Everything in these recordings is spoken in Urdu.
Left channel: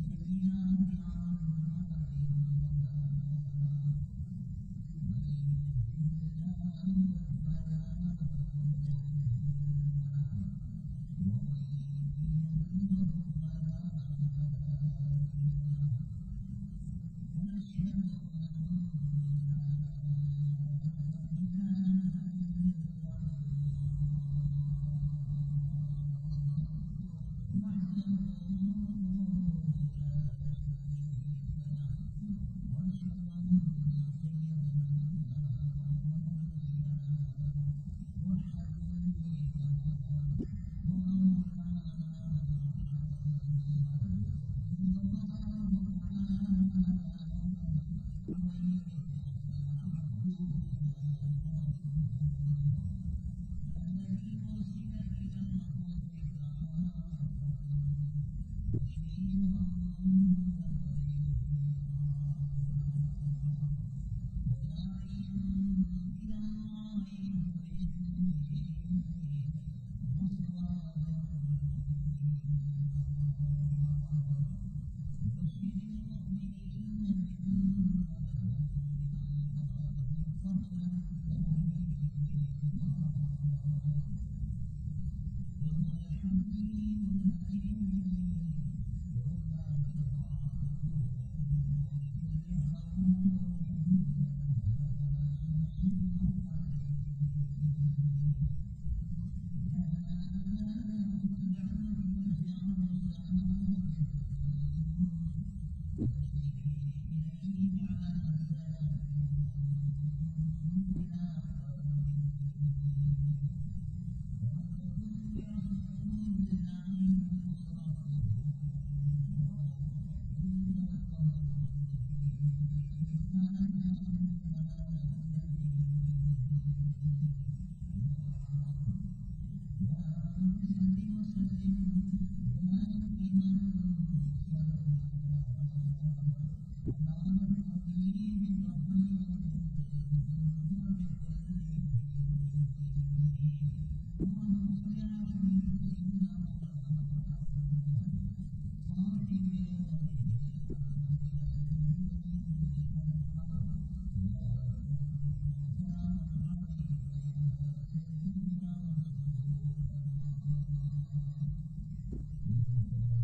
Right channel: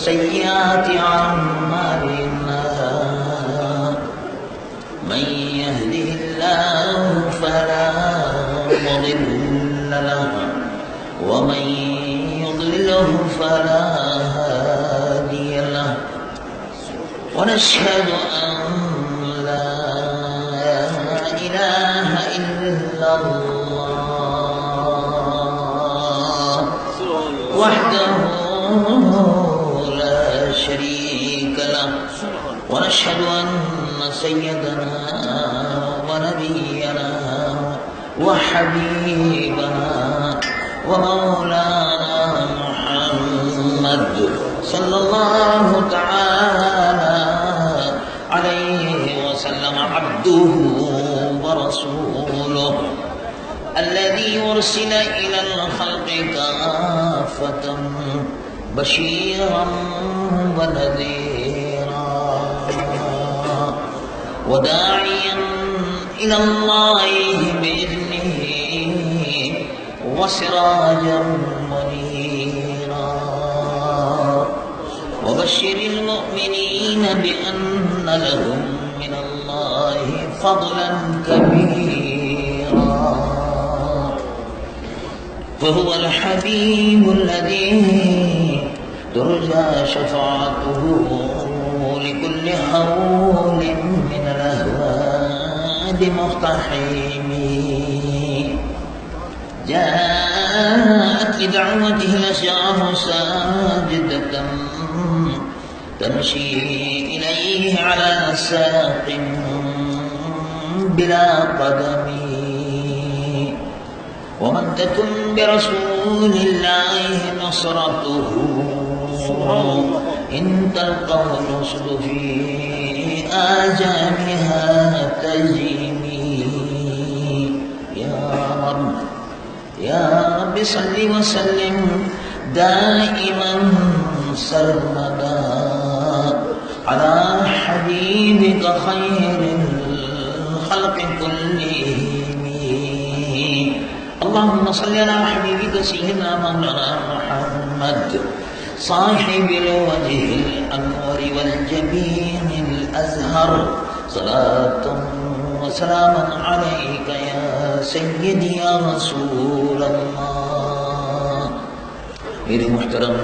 سيئات أعمالنا من يهده الله فلا مضل له ومن يضلله فلا هادي له ونشهد أن لا إله إلا الله وحده لا شريك له ونشهد أن سيدنا ونبينا وحبيبنا ومولانا محمد صلى الله تعالى عليه وسلم عبده ورسوله الذي أرسل إلى الخلق كافة بشيرا ونذيرا وداعيا إلى الله بإذنه وسراجا منيرا وبشر المؤمنين بأن لهم من الله فضلا كبيرا فهو الحبيب الذي ترجى شفاعته لكل هول من الأهوال مقتحم جاءت لدعوته الأشجار ساجدة تمشي إليه على ساق بلا قدم ومن تكن برسول الله نصرته إن تلقه الرشد في آجامها تجري يا رب صل وسلم دائما سرمدا على حبيبك خير الخلق كلهم اللهم صل على حبيبك سيدنا مولانا محمد صاحب الوجه الأنور والجبين الأزهر صلاة وسلاما عليك يا سيدي يا رسول اللہ. میرے محترم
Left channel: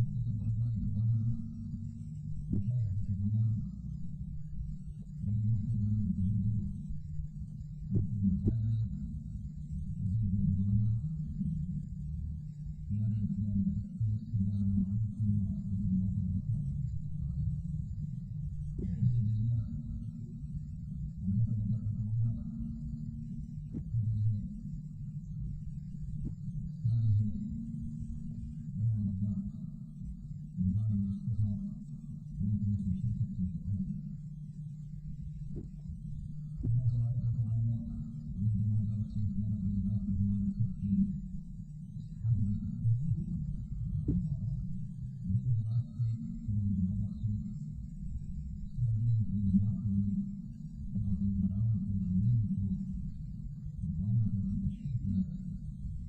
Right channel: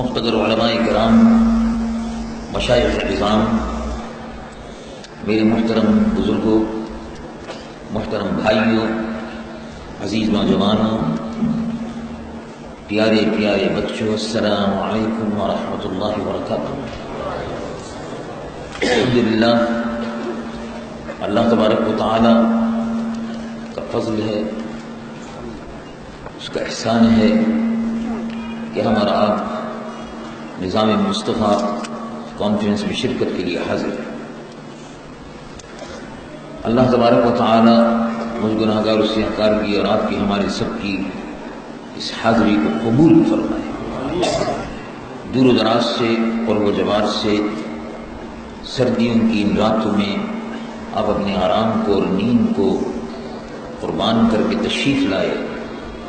مقتدر علماء کرام، مشائخ نظام، میرے محترم بزرگوں، محترم بھائیوں، عزیز نوجوانوں، پیارے پیارے بچوں، السلام علیکم ورحمۃ اللہ وبرکاتہ. الحمدللہ، اللہ تبارک و تعالی کا فضل ہے، اس کا احسان ہے کہ ہم اور آپ نظام مصطفیٰ کانفرنس میں شرکت کے لیے حاضر ہیں. اللہ تبارک و تعالی مجھ گناہگار و سیاہکار کی اور آپ کی، ہمارے سب کی اس حاضری کو قبول فرمائے. دور و دراز سے، قرب و جوار سے، سردیوں کی ان راتوں میں آپ اپنے آرام کو اور نیند کو قربان کر کے تشریف لائے.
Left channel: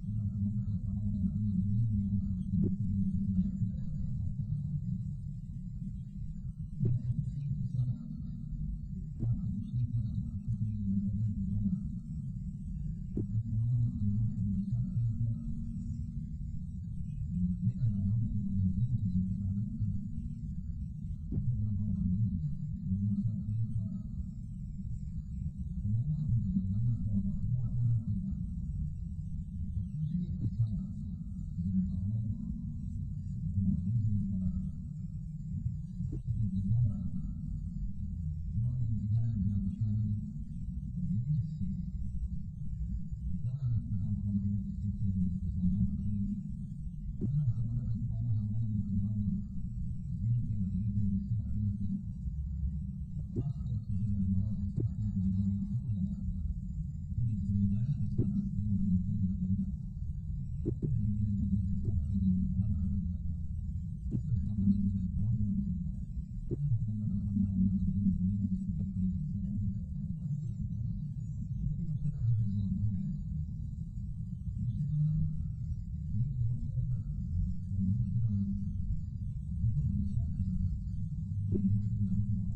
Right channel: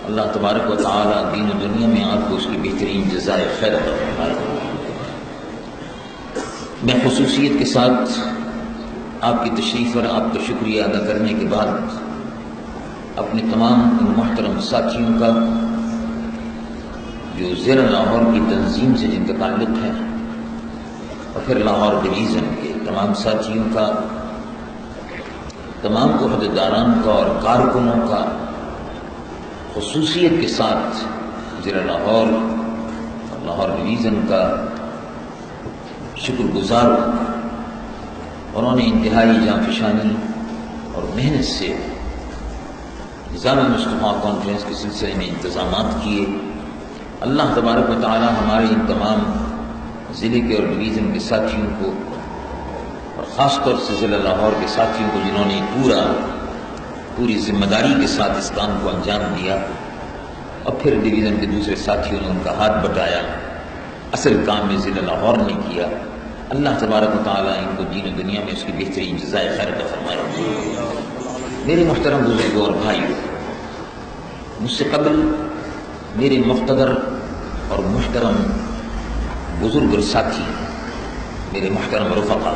اللہ تبارک و تعالی دین و دنیا میں آپ کو اس کی بہترین جزائے خیر عطا فرمائے. میں خصوصیت کے ساتھ آپ کی تشریف پر آپ کا شکریہ ادا کرنے کے بعد اپنے تمام ان محترم ساتھیوں کا جو ضلع لاہور کی تنظیم سے جن کا تعلق ہے، اور پھر لاہور ڈویژن کے تمام ساتھیوں کا، تمام عہدیداران کا اور کارکنوں کا خصوصیت کے ساتھ ضلع لاہور اور لاہور ڈویژن کا شکر گزار ہوں. انہوں نے انتہائی جانفشانی اور محنت سے نظام مصطفیٰ کانفرنس کے سلسلے میں انتظامات کیے. اللہ تبارک و تعالی ہمارے ان تمام ضلع کے اور ڈویژن کے ساتھیوں کو، اور خاص طور سے ضلع لاہور کے ساتھیوں کو جنہوں نے پوری ذمہ داری کے ساتھ اس کام کو انجام دیا، اور پھر ڈویژن کے دوسرے ساتھیوں نے ان کا ہاتھ بٹایا، اصل کام میں ضلع لاہور نے کیا. اللہ تبارک و تعالیٰ ان کو دین و دنیا میں اس کی بہترین جزائے خیر عطا فرمائے. میرے محترم بزرگوں اور بھائیوں، مجھ سے قبل میرے مقتدر اور محترم بزرگ اور ساتھی میرے محترم رفقا،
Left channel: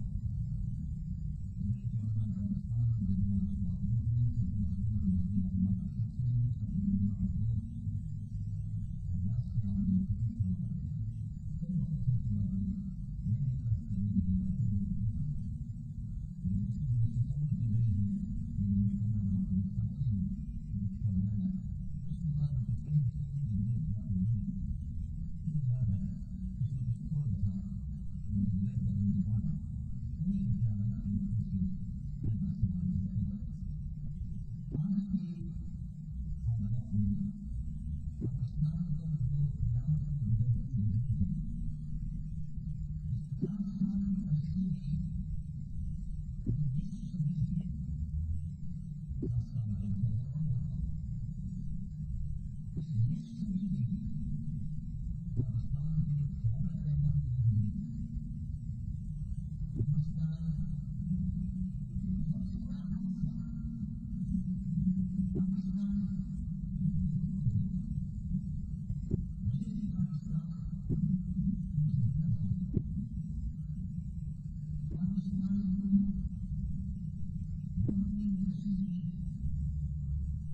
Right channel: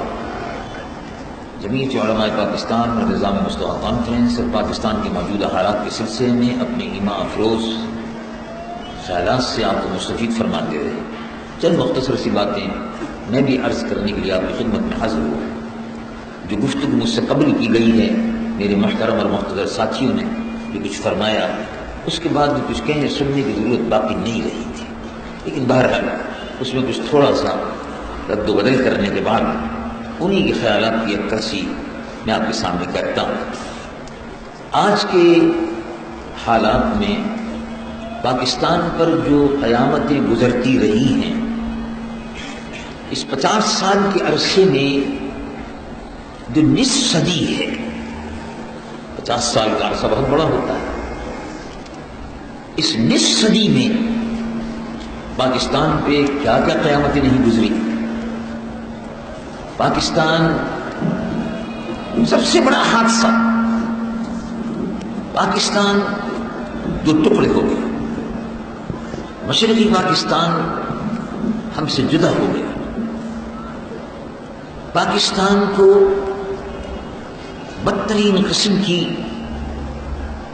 جمعیت علماء پاکستان اور نظام مصطفیٰ کانفرنس اور پاکستان کے موجودہ حالات کے سلسلے میں اپنے ایمان افروز خیالات سے آپ کو مستفید فرماتے ہوئے چند مختصر سی باتیں میں بھی عرض کرنے کے لیے آپ کی خدمت میں حاضر ہوا۔ جو گفتگو مجھ سے قبل کی گئی ہے، میرے محترم اور مقتدر ساتھیوں نے جو کچھ فرمایا، اس کے بعد بھی کچھ کہنے سننے کی ضرورت باقی نہیں رہی تھی، لیکن بہرحال اس میں کچھ تھوڑا سا رد و بدل کرنے کے بعد انہی کے خیالات کی عکاسی میں آپ کے سامنے کرتا ہوں۔ آج کے حالات میں پاکستان پر جو قیامتیں گزرتی رہی ہیں، اس 50 سال کے عرصے میں جو نصف صدی ہے، 50 سال کا عرصہ بہت بڑا ہوتا ہے، اس نصف صدی میں پاکستان پہ کیا کیا قیامتیں نہیں گزری۔ پاکستان سب سے بڑا حادثہ، پاکستان دو ٹکڑے ہو گئے، مشرقی پاکستان ہم سے جدا ہو گیا۔ پاکستان کو بدترین قسم کی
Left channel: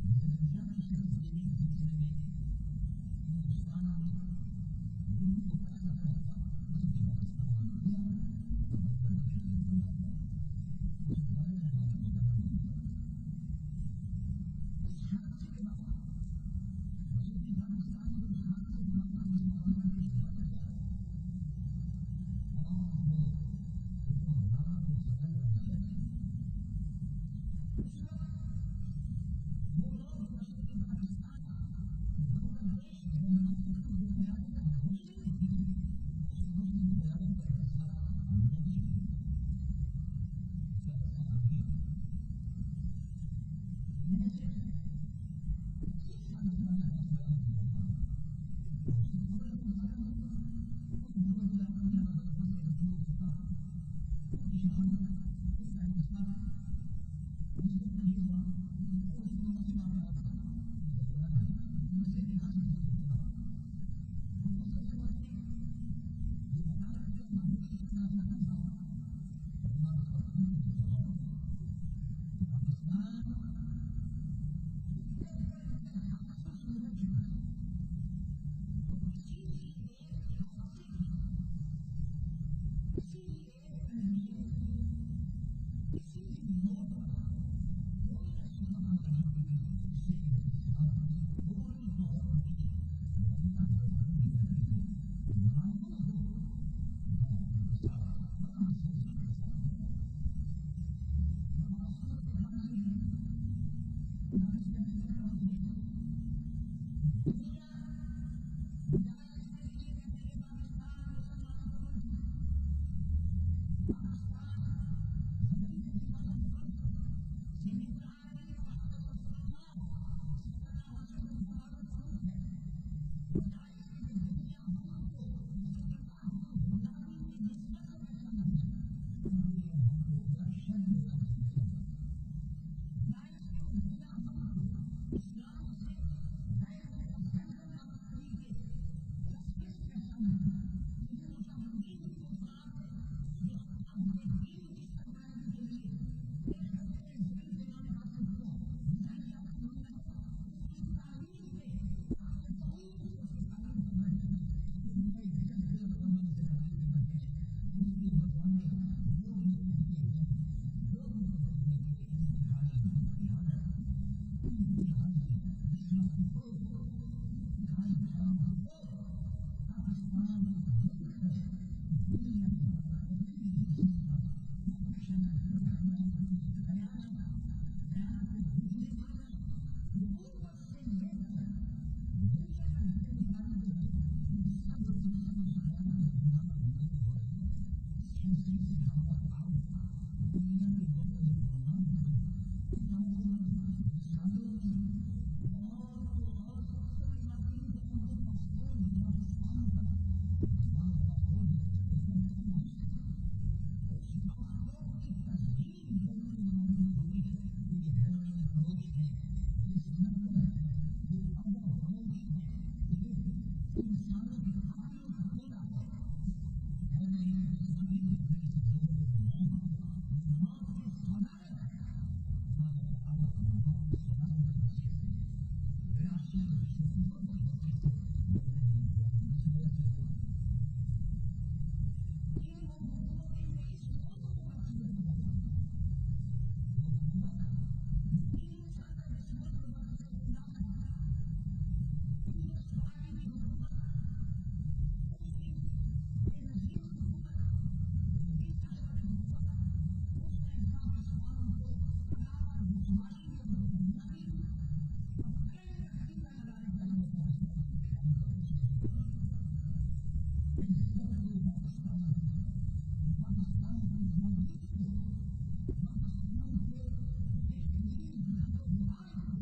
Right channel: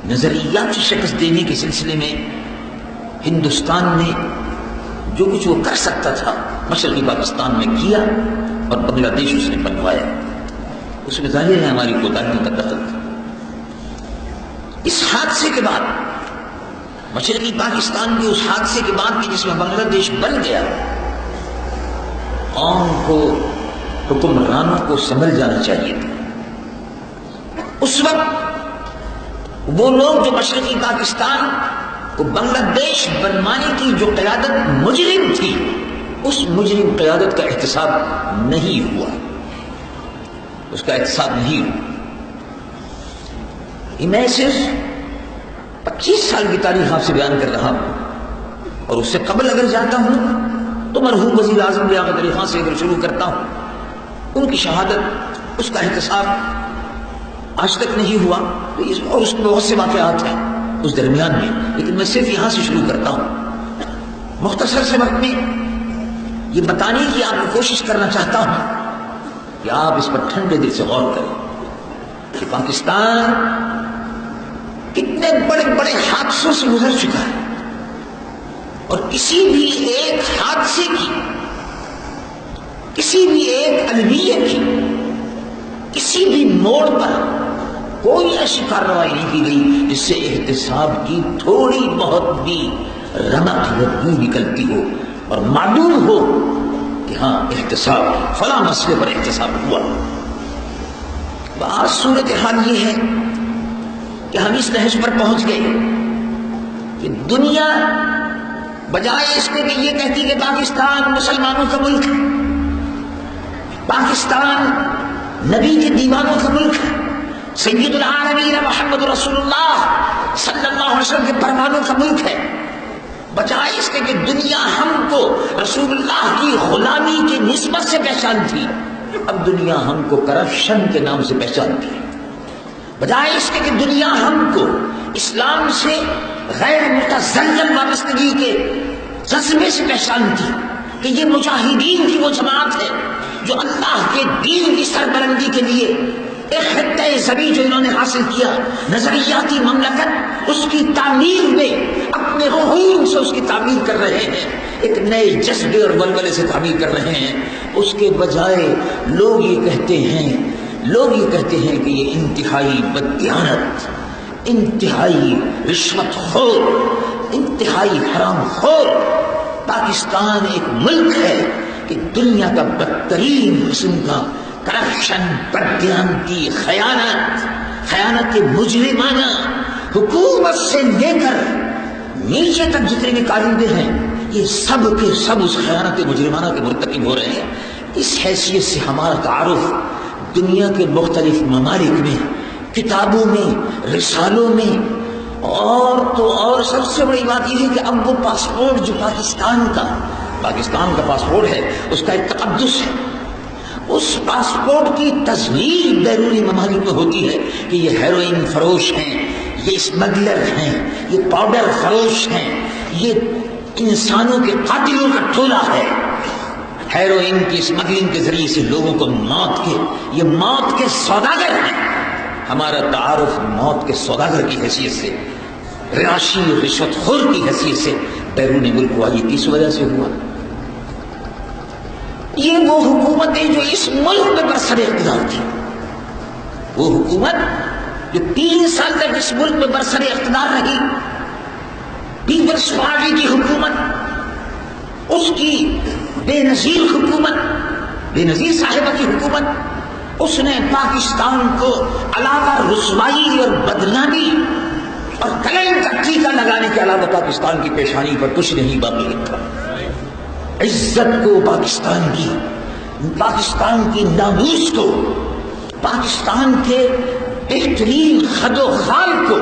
نظریاتی شکست دینے کے سلسلے میں ہندوستان نے جو کچھ وہ کر سکتا تھا مشرقی پاکستان میں کیا، اور بنگلہ دیش اس نے بنوایا۔ اس میں ظاہر ہے ہماری کوتاہیوں کا دخل تھا۔ اس حادثے کے بعد، مشرقی پاکستان کے اس حادثے کے بعد بھی جس میں بنگلہ دیش بن گیا، قوم کو، حکمرانوں کو سنبھل جانا چاہیے تھا۔ اس وقت وہ لوگ جو مشرقی پاکستان کو بنگلہ دیش بنوانے کی جو قیادت مجرم تھی، اس مجرم قیادت کا احتساب نہیں ہوا، اس کا احتساب نہیں ہوا۔ میں صرف 25 سال کی تاریخ آپ سے بیان کر رہا ہوں، اور اس سے قبل اگر جاتا ہوں تو مرحوم وزیر اعظم لیاقت علی خان سے اگر شروع کرتا ہوں، ان کی شہادت، اس کا احتساب آج تک نہیں ہوا، اور اس میں بہت سے واقعات ہیں اس درمیان میں، لیکن میں صرف یہاں سے شروع کرتا ہوں۔ مختصر سے وقت میں یہ بتانے کی آپ کو کوشش کرنا چاہتا ہوں کہ آپ اس پر ٹھنڈے دل سے غور کریں کہ پاکستان کتنے بڑے بڑے حادثوں سے گزر چکا ہے، اور کسی بھی ایک حادثے کی، کسی بھی ایک المیت کی، کسی بھی موڑ پر کوئی ایسی کارروائی نہیں کی گئی جس سے احتساب کی تھوڑی بہت بھی رمق یا بو نکلتی ہو اور معلوم ہو کہ ہاں احتساب، فلاں مسئلے پر احتساب ہوا۔ بعض صورتحال یہ ہے کہ ہم اس نہج پر پہنچ گئے کہ دنیا بجائے اس کے کہ یہ کہتی کہ پاکستان مسلمانوں کا ملک ہے، پاکستان نبی کے دیوانوں کا ملک ہے، سید العالمین محمد رسول اللہ صلی اللہ علیہ وسلم کے پروانوں کا ملک ہے، بجائے اس کے کہ دنیا ہم کو رسول اللہ کی غلامی کی نسبت سے پہچانتی، اب دنیا ہم کو کرپشن کے نام سے پہچانتی ہے۔ بجائے اس کے کہ دنیا ہم کو اسلام سے غیر متزلزل وابستگی کے جذبے سے پہچانتی کہ یہ مجاہدین کی وہ جماعت ہے جو اللہ کے دین کی سربلندی کے لیے ایک خطہ زمین جو انہوں نے حاصل کیا، نظریاتی مملکت، اس کی تعمیر میں اپنے خون سے اس کی تعمیر کر رہے ہیں، ایک نئے جذبے اور ولولے سے تعمیر کر رہے ہیں۔ اس کے بجائے لوگ یہ کہتے ہیں کہ یہ انتہائی بددیانت، انتہائی رشوت خور، انتہائی حرام خور پاکستان ایک ملک ہے کہ دنیا کا بدترین قسم کا کرپشن، بددیانتی، خیانت مجرمانہ، حکومت سے لے کر نیچے تک جتنے بھی کارندے ہیں، یہ سب کے سب اس خیانت مجرمانہ کے مرتکب ہو رہے ہیں۔ اس حیثیت سے ہمارا تعارف دنیا کے مختلف ممالک میں، کتابوں میں، رسالوں میں، اور سب سے بڑی بات یہ ہے کہ اب وہ پاسپورٹ جو پاکستان کا پاسپورٹ ہے، اس کا ایک تقدس ہے، اس پاسپورٹ کی تزلیل بیرونی ممالک میں ہوتی ہے کہ یہ ہیروئن فروش ہیں، یہ اسمگلر ہیں، یہ پاؤڈر فروش ہیں، یہ انسانوں کے قاتلوں کا ٹولہ ہے۔ ہیروئن کی اسمگلنگ کے ذریعے سے لوگوں کو یہ موت کے سوداگر ہیں. ہمارا تعارف موت کے سوداگر کی حیثیت سے، راشی رشوت خور کی حیثیت سے بیرون ملک ہوا. یہ کس وجہ سے ہوا؟ یہ وہ حکومتیں جو اس ملک میں برسر اقتدار تھی، وہ حکومت جو 3 سال تک اس ملک میں برسر اقتدار رہی، پیپلز پارٹی کی حکومت، اس کی بے نظیر حکومت، بے نظیر صاحبہ کی حکومت، اس نے پاکستان کو علاوہ رسوائی اور بدنامی اور کلیم کا ٹیکہ لگانے کے علاوہ پاکستان کی پیشانی پر کچھ نہیں باقی رکھا. عزت کو پاکستان کی ناموس کو، پاکستان کے بہترین خد و خال کو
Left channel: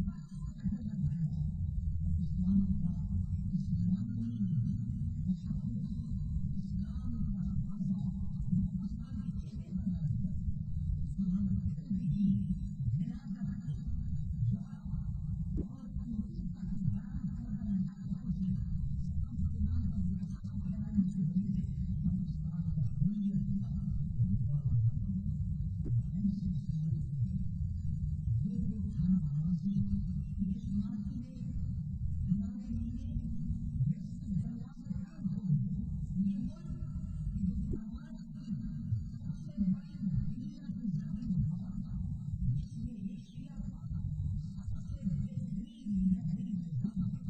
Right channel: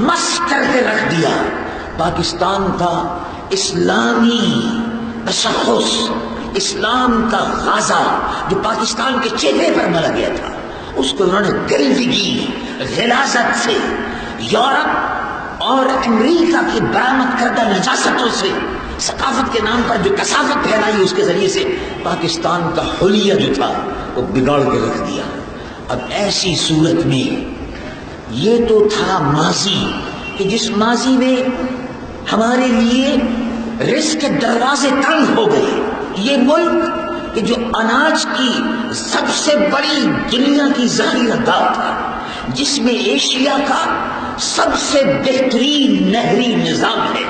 مس کر کے رکھ دیا. پاکستان کا اسلامی تشخص، اسلام کا غازہ جو پاکستان کے چہرے پر ملا گیا تھا، اس کو انہوں نے گرفتگی، غلاظت سے، یورپ اور امریکہ کی برآمد کردہ نجاستوں سے، ثقافت کے نام پر جو کثافت پھیلائی، اس کے ذریعے سے پاکستان کا حلیہ جو تھا وہ بگاڑ کے رکھ دیا. اب ایسی صورت میں یہ تو تھا ماضی، کہ جس ماضی میں ہمارے لیے رزق کے دروازے تنگ ہو گئے. یہ ملک کہ جو اناج کی سب سے بڑی دنیا کی ذخیرہ گاہ تھا، جس میں ایشیا کا سب سے بہترین نہری نظام ہے،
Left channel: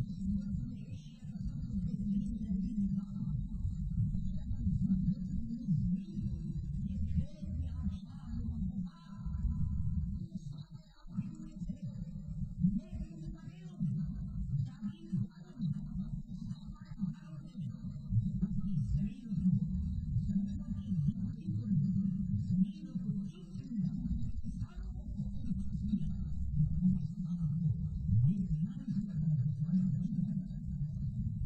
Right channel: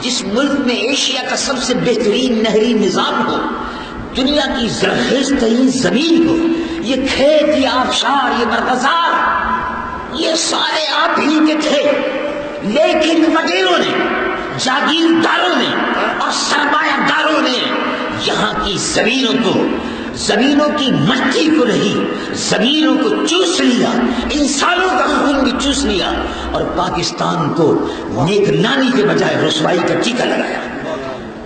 جس ملک میں ایشیا کا سب سے بہترین نہری نظام ہو، دنیا کی زرخیز ترین زمین ہو، یہ کھیت، یہ آبشار، یہ مرغزار، یہ سارے آپ ہی کے تھے. لیکن وڈیروں نے، جاگیرداروں نے اور سرمایہ داروں نے یہاں کی زمینوں کی مٹی کو نہیں، زمینوں کو چوس لیا، انسانوں کا خون بھی چوس لیا، اور پاکستان کو نیک نامی کے بجائے رسوائی کا ٹیکہ لگایا.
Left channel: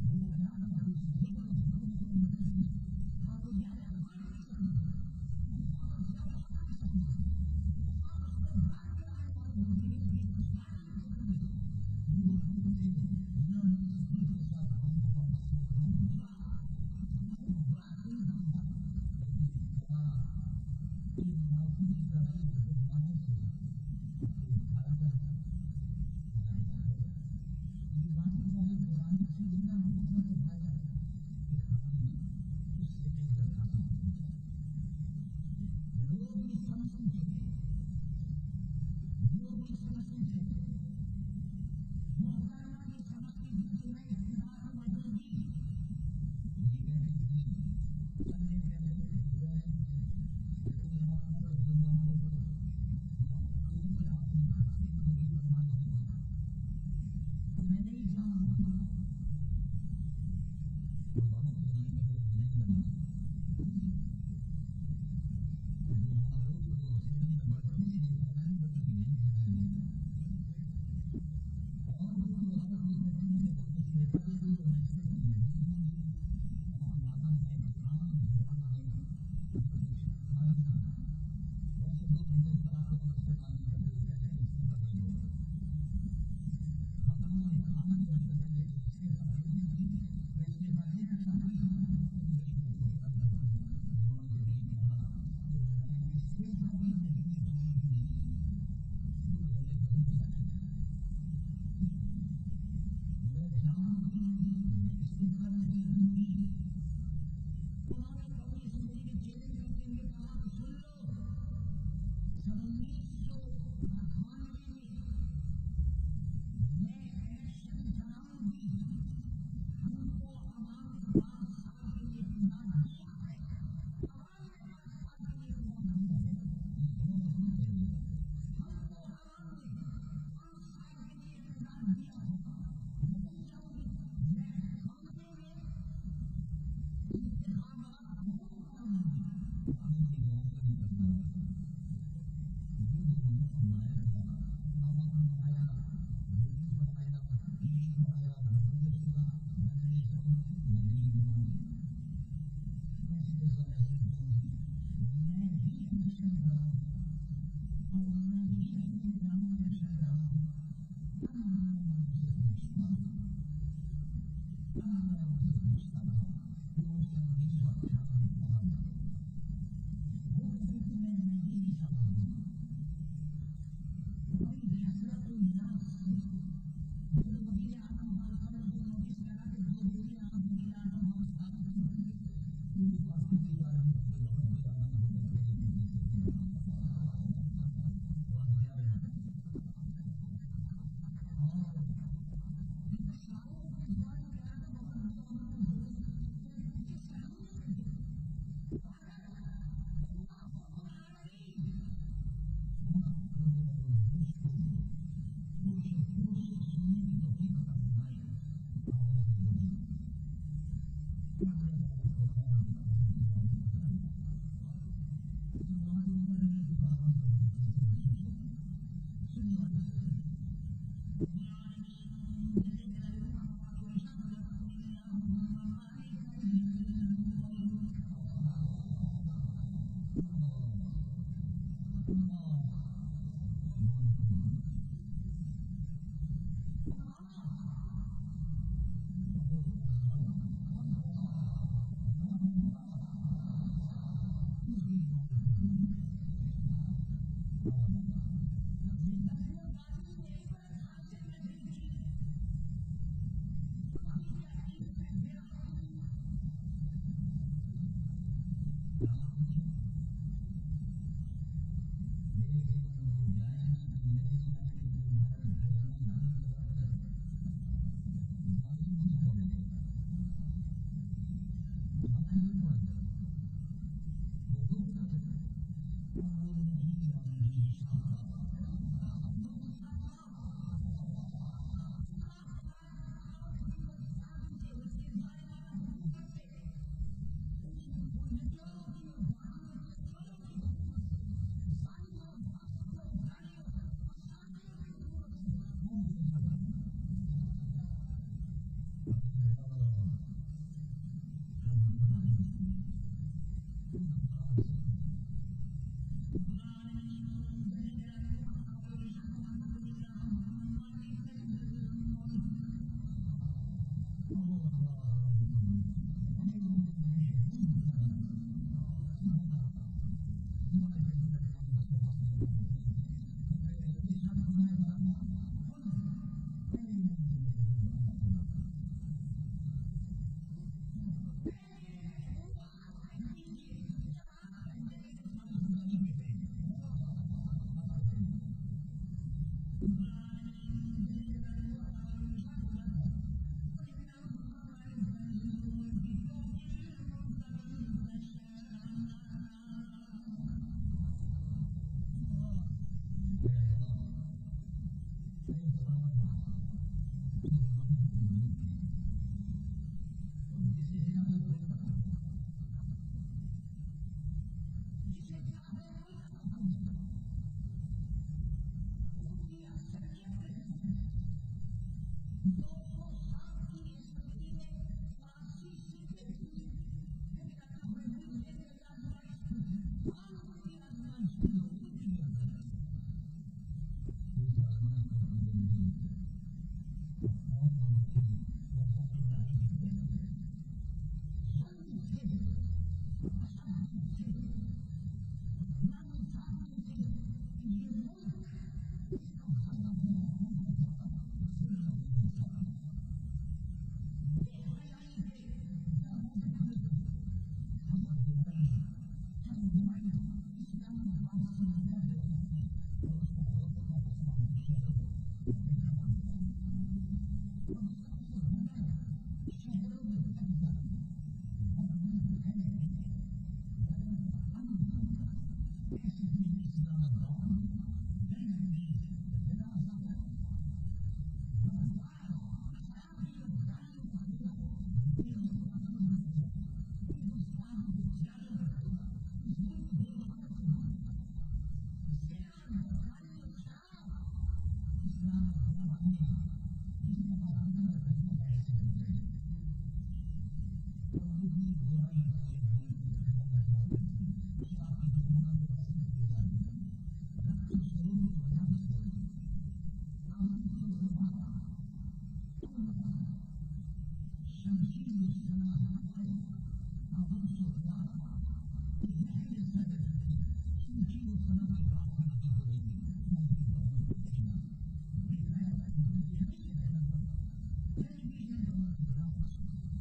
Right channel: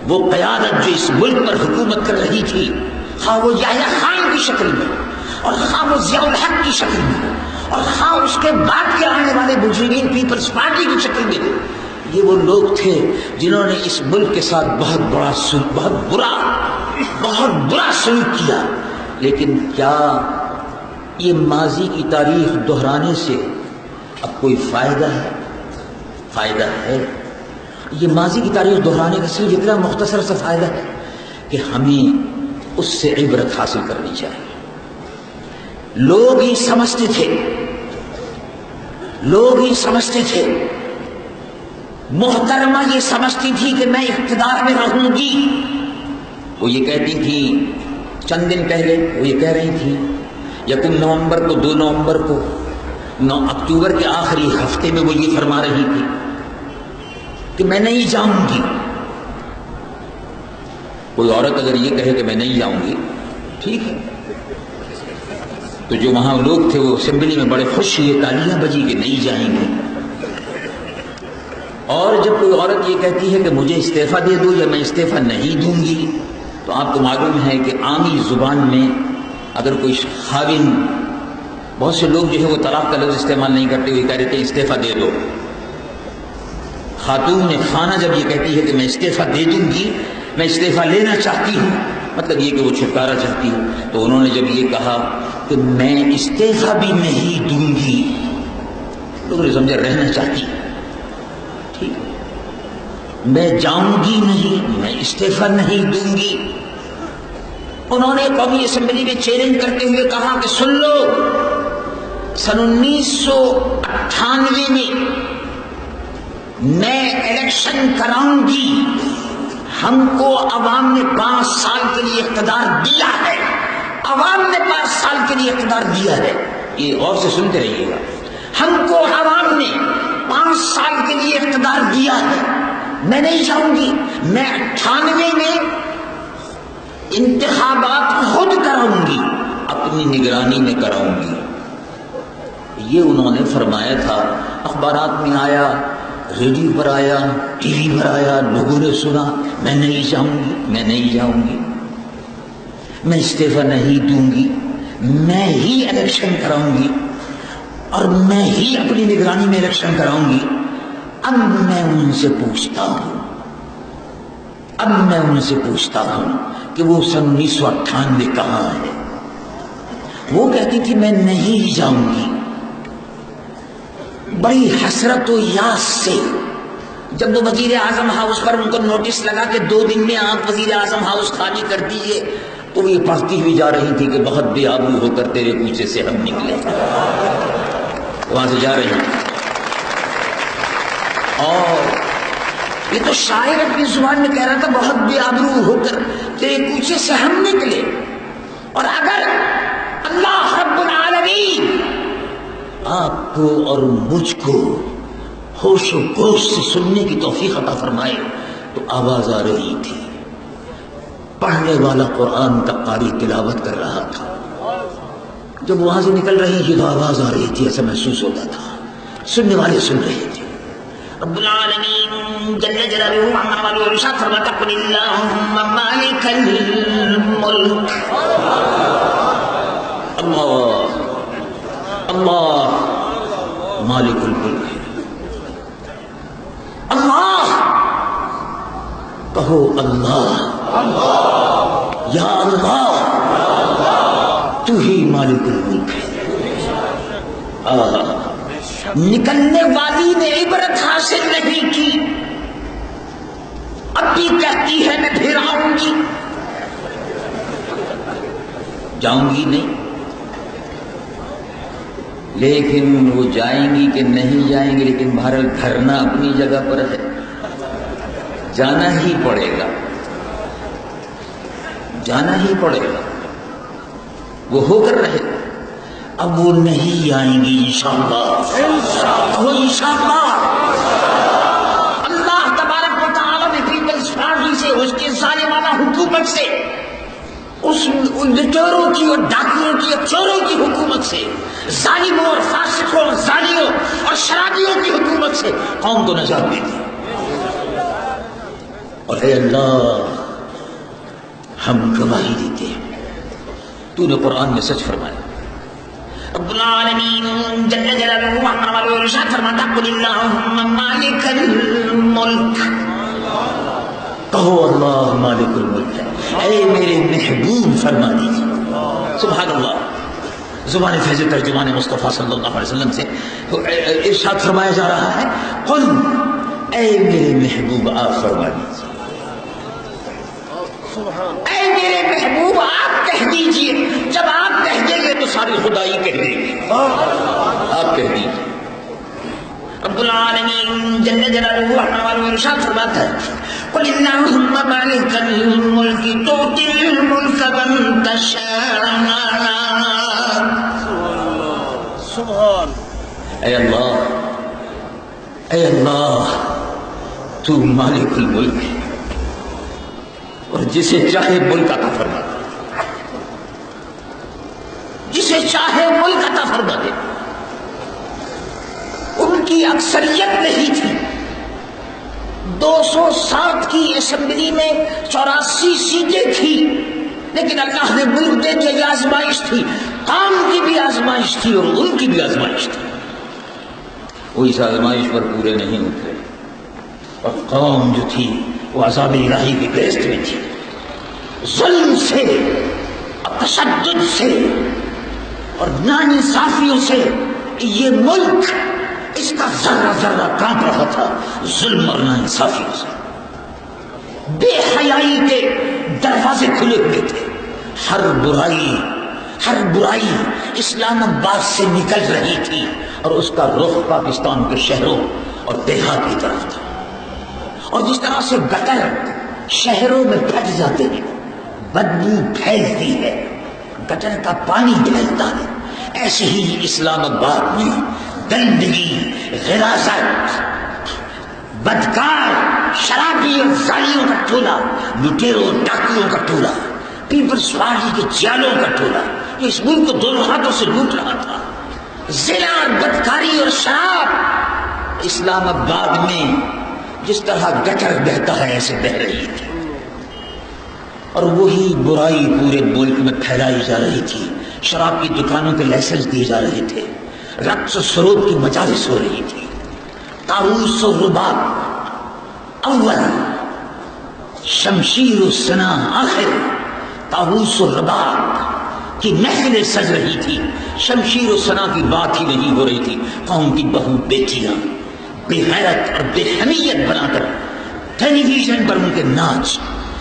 وہ قیادت جو اس ملک پر حکومت کر رہی تھی، خواہ وہ یحییٰ خان کی شکل میں، اور خواہ وہ ضیاء الحق کی شکل میں، اور خواہ اس کے بعد کے آنے والے مجرمین پیپلز پارٹی کی شکل میں، یہ وہ لوگ تھے جنہوں نے اس ملک کے ساتھ بہت برا سلوک کیا. لیکن کیا یہ ماضی کی تاریخ دہرانے سے اب کوئی فائدہ ہے؟ فائدہ ہے. یہ ماضی کی تاریخ دہرانے کا صرف اتنا مختصر سا فائدہ ہے کہ ہمیں اس سے عبرت حاصل کرنی چاہیے. لوگ ہی سمجھتے تھے، محترمہ یہ سمجھتی تھی کہ میں اقتدار میں رہوں گی. وہ یہ کہتی تھی، چند دن پہلے وہ یہ کہہ رہی تھی، 1 نومبر کو، 2 نومبر کو، 9 اکتوبر کے آخری ہفتے میں وہ یہ فرما رہی تھی کہ میں نہیں جاؤں گی. کوئی عورت اگر یہ کہے کہ میں نہیں جاؤں گی، ٹھیک ہے، تو جو وہاں لوگ تھے وہ اسمبلی میں بڑے خوش ہوئے، تالیاں بجی کہ نہیں جائیں گے. اور جب کوئی عورت یہ کہتی ہے کہ مجھے استعفیٰ دے دو یا میں استعفیٰ نہیں دوں گی، تو آپ کو معلوم ہے کہ عامی زبان میں اگر کوئی خاوند، بہت سے لوگ جو ہے وہ طلاق کا لفظ استعمال نہیں کرتے، وہ کہہ رہے تھے استعفیٰ دے دو. خاتون خانہ جب یہ کہتی ہے کہ میں استعفیٰ دے دوں گی، میں استعفیٰ لینا چاہتی ہوں، مطلب یہ کہ وہ چھٹکارا چاہتی ہوں. تو انہوں نے جب یہ کہا کہ میں استعفیٰ بھی نہیں دوں گی، لوگوں نے سمجھا رہنا چاہتی، ٹھیک ہے، میں جاؤں گی نہیں، میں استعفیٰ نہیں دوں گی. انہوں نے قومی اسمبلی میں چیلنج کرتے ہوئے کہا کہ سن لو، سن 1998 میں الیکشن کراؤں گی، ہم کو عوام نے 5 سال کے لیے اقتدار دیا ہے، عوام نے 5 سال کے لیے اقتدار دیا ہے. یہ غور سے سنتے رہیے گا. ہم کو عوام نے 5 سال کے لیے اقتدار دیا ہے، میں نہیں جاؤں گی، میں 98 میں انتخابات خود کراؤں گی، اپنی نگرانی میں کراؤں گی. یہ انہوں نے فرمایا تھا. اخبارات میں آیا، ریڈیو پر آیا، ٹی وی پر آیا، لوگوں نے سنا، میں نہیں جاؤں گی، میں نہیں جاؤں گی، میں استعفیٰ نہیں دوں گی، میں ہی الیکشن کراؤں گی اور میں ہی اپنی نگرانی میں الیکشن کراؤں گی. اب میں ان سے پوچھتا ہوں اب میں ان سے پوچھتا ہوں کہ وہ 1998 کہاں ہے؟ وہ کہتی تھی میں نہیں جاؤں گی. بڑی حسرت و یاس سے جب وہ وزیر اعظم ہاؤس پر ان کو نوٹس لگا کہ 2 دن میں آپ وزیر اعظم ہاؤس خالی کر دیجئے، تو وہ یہ پڑھتی ہوئی جا رہی تھی کہ بہت بے آبرو ہو کر تیرے کوچے سے ہم نکلے. وہاں سے جا رہی ہیں. اور یہ تو شاعر اپنی زبان میں کہہ رہا تھا بہت بے آبرو ہو کر تیرے کوچے سے ہم نکلے. اور اگر اللہ رب العالمین آپ کو اور مجھ کو ہوش و گوش سے سننے کی توفیق عطا فرمائے تو آواز آ رہی تھی. پڑھنے والا قرآن کا قاری تلاوت کر رہا تھا. جب وہاں سے نکل رہی تھی تو آواز آ رہی تھی، ایسا محسوس ہوتا تھا. سننے والے سن رہے تھے. رب العالمین جل جلالہ ارشاد فرماتا قل اللہم مالک الملک. اللہ اللہ مالک الملک. اللہ کہو اللہ یا اللہ تو ہی مالک الملک ہے. نکلنے والی نے عبرت حاصل نہیں کی، اب بھی کہتی ہے میں پھر آؤں گی. جاؤں گی نہیں، لیکن وہ جائیں گی کہ نہیں جائیں گی، لیکن بہرحال دھرنا اپنی جگہ پر ہے، جانا ہی پڑے گا، جانا ہی پڑے گا. وہ ہو کر رہے. اب وہ نہیں آئیں گی انشاءاللہ. وہ انشاءاللہ اللہ تبارک و تعالیٰ نے پیپلز پارٹی سے، اس کے ظالمانہ حکومت سے، اس لٹوروں کی اور ڈاکوؤں کی اور چوروں کی حکومت سے، ظالموں اور فاسقوں اور زانیوں اور شرابیوں کی حکومت سے قوم کو نجات دی تھی. اور اے اللہ ہم گواہی دیتے ہیں تو نے قرآن میں سچ فرمایا. رب العالمین جل جلالہ ارشاد فرماتا قل اللہم مالک الملک. کہو اللہ مالک الملک ہے. اے میرے محبوب فرما دیجیے. سبحان اللہ. زبان فیض ترجمان مصطفیٰ صلی اللہ علیہ وسلم سے ارشاد فرمایا جا رہا ہے قل اے میرے محبوب آپ فرما دیجیے. اے میرے محبوب آپ کہہ دیجئے. جب آپ کہہ دیں گے تو ساری خدائی کہہ دیں گے. آپ کہہ دیجئے. رب العالمین جل جلالہ ارشاد فرماتا ہے قل اللہم مالک الملک تؤتی الملک من تشاء. سبحان. اے اللہ تو مالک الملک ہے اور جسے چاہے ملک عطا فرما دے، جسے چاہے ملک عطا فرما دے. ان کی اکثریت نہیں تھی. 207 کی اسمبلی میں 84 سیٹیں تھی، لیکن اللہ نے ملک دے کے یہ آزمائش تھی. قوم کی بھی آزمائش تھی اور ان کی بھی آزمائش تھی. وہ اس آزمائش پر پورے نہیں اترے اور قوم جو تھی وہ عذاب الہی کی گرفت میں تھی. ظلم سے اور تشدد سے اور ناانصافیوں سے یہ ملک، اس کا ذرہ ذرہ کانپ رہا تھا ظلم اور ناانصافیوں سے. بے حیائی کے دروازے کھلے ہوئے تھے. ہر برائی اسلام آباد سے نکل رہی تھی اور اس کا رخ پاکستان کے شہروں اور دیہات کی طرف تھا. اور جس طرح سے گٹر شہروں میں پھٹ جاتے ہیں، بدبو پھیلتی ہے، گٹر کا پانی پھیلتا ہے، ایسے ہی اسلام آباد میں گندگی، غراست، بدکار، شرابی اور زانیوں کا ٹولہ، لٹیروں ڈاکوؤں کا ٹولہ، پیپلز پارٹی کے جالوں کا ٹولہ جو اس ملک کو دونوں ہاتھوں سے لوٹ رہا تھا. زنا اور بدکاری اور شراب اسلام آباد میں جس طرح گٹر بہتا ہے ایسے بہ رہی تھی. اور وہی برائی پورے ملک میں پھیلائی جا رہی تھی. شراب کی دکانوں کے لائسنس دیے جا رہے تھے، رقص و سرود کی مجالس ہو رہی تھی، طاؤس و رباب اول شمشیر السنا آخر طاووس الرباط کی محفلیں سج رہی تھی، شمشیر السنا کی بات ہی نہیں ہو رہی تھی، قوم کی بہو بیٹیاں بے غیرت اور بے حمیت بنا کر ٹیلی ویژن پر ان کے ناچ